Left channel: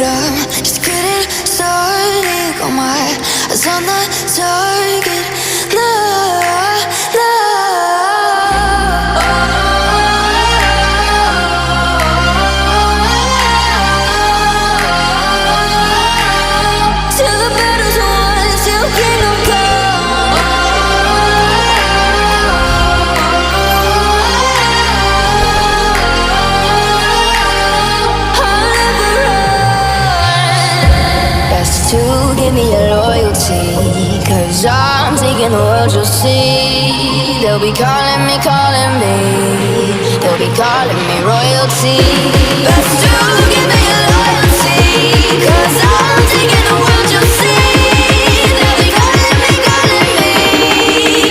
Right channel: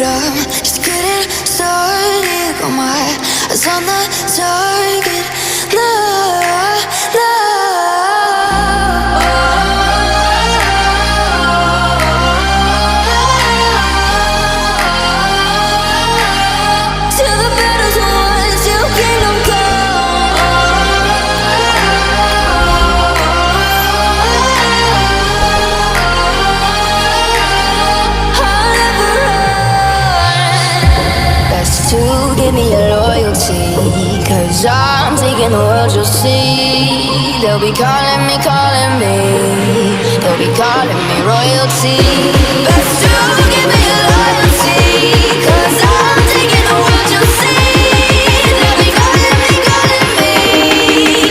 but I'm just getting started. Got my eyes on the target. No, no. Till the battle's won, till kingdom come. I'll never run. Best to give me your loyalty, 'cause I'm taking the world, you'll see. They'll be calling me, calling me. They'll be calling me royalty. Best to give me your loyalty, 'cause I'm taking the world, you'll see. They'll be calling me, calling me.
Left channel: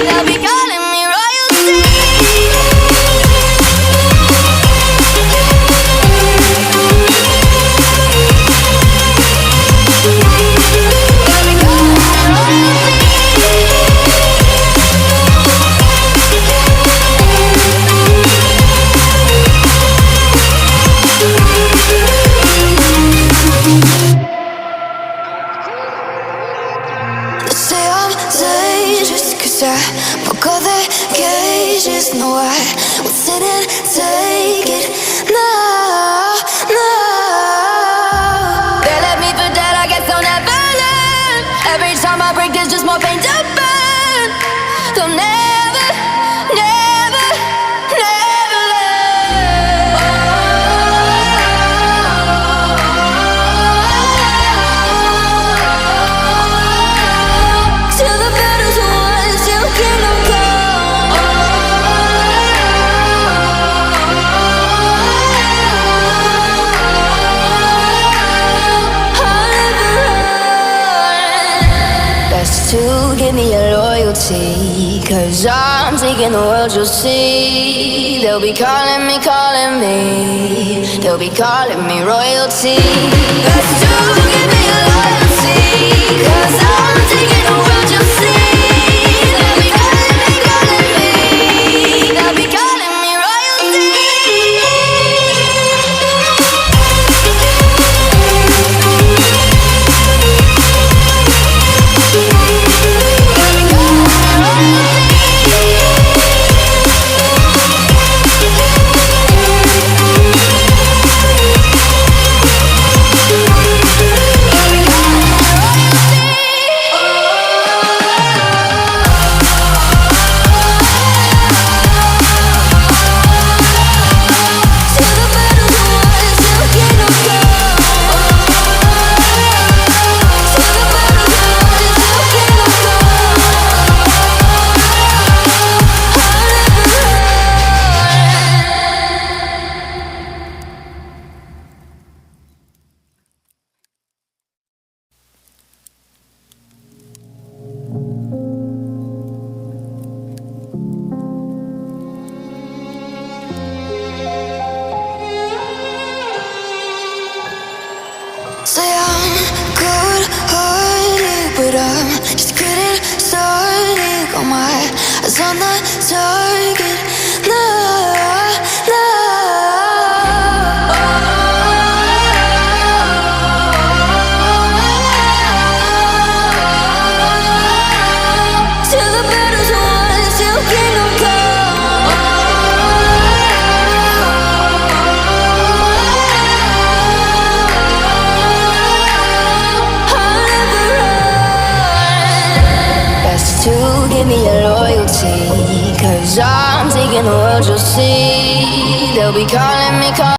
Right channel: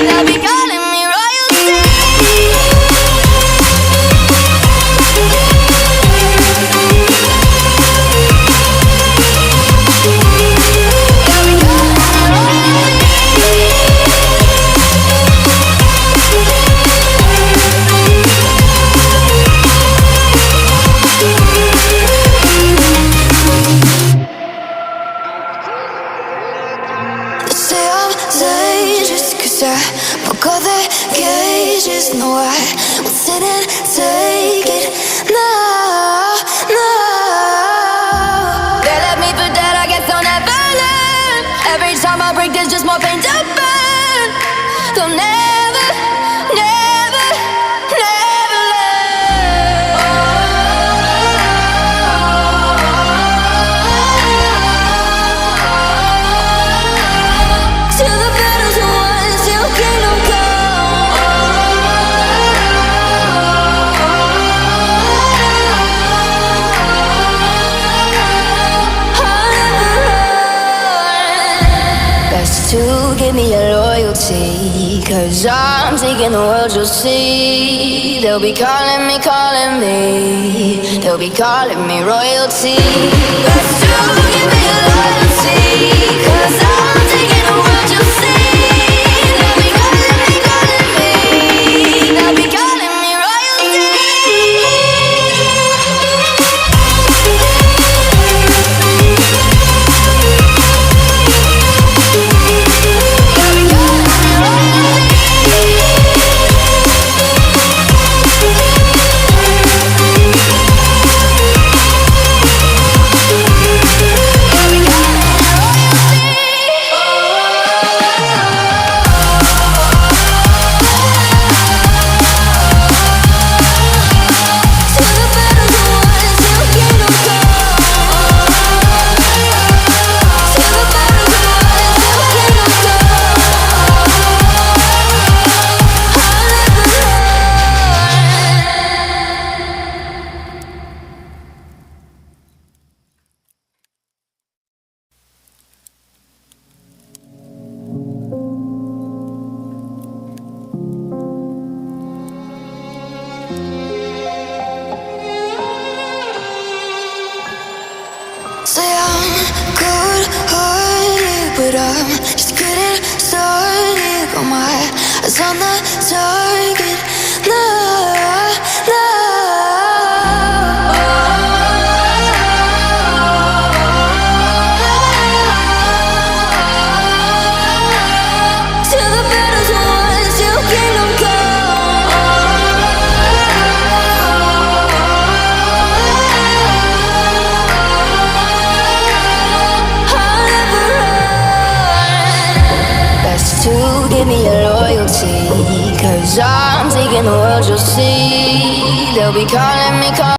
They'll be calling me royalty. They'll be calling me royalty. They say I'm dangerous 'cause I broke all their cages. No, I won't sit and take it. No, no. They left me for dead, I guess I'll never learn. Every time I break, there's just more pain to burn. They'll never, never, never learn. Till the battle's won, till kingdom come. I'll never run. Best to give me your loyalty, 'cause I'm taking the world, you'll see. They'll be calling me, calling me. They'll be calling me royalty. Best to give me your loyalty, 'cause I'm taking the world, you'll see. They'll be calling me, calling me. They'll be calling me royalty. They'll be calling me royalty. They'll be calling me royalty. Till the battle's won, till kingdom come. Till the battle's won, till kingdom come. I'll never run. Say I'm good-hearted, but I'm just getting started. Got my eyes on the target. No, no. Till the battle's won, till kingdom come. I'll never run. Best to give me your loyalty, 'cause I'm taking the world, you'll see. They'll be calling me, calling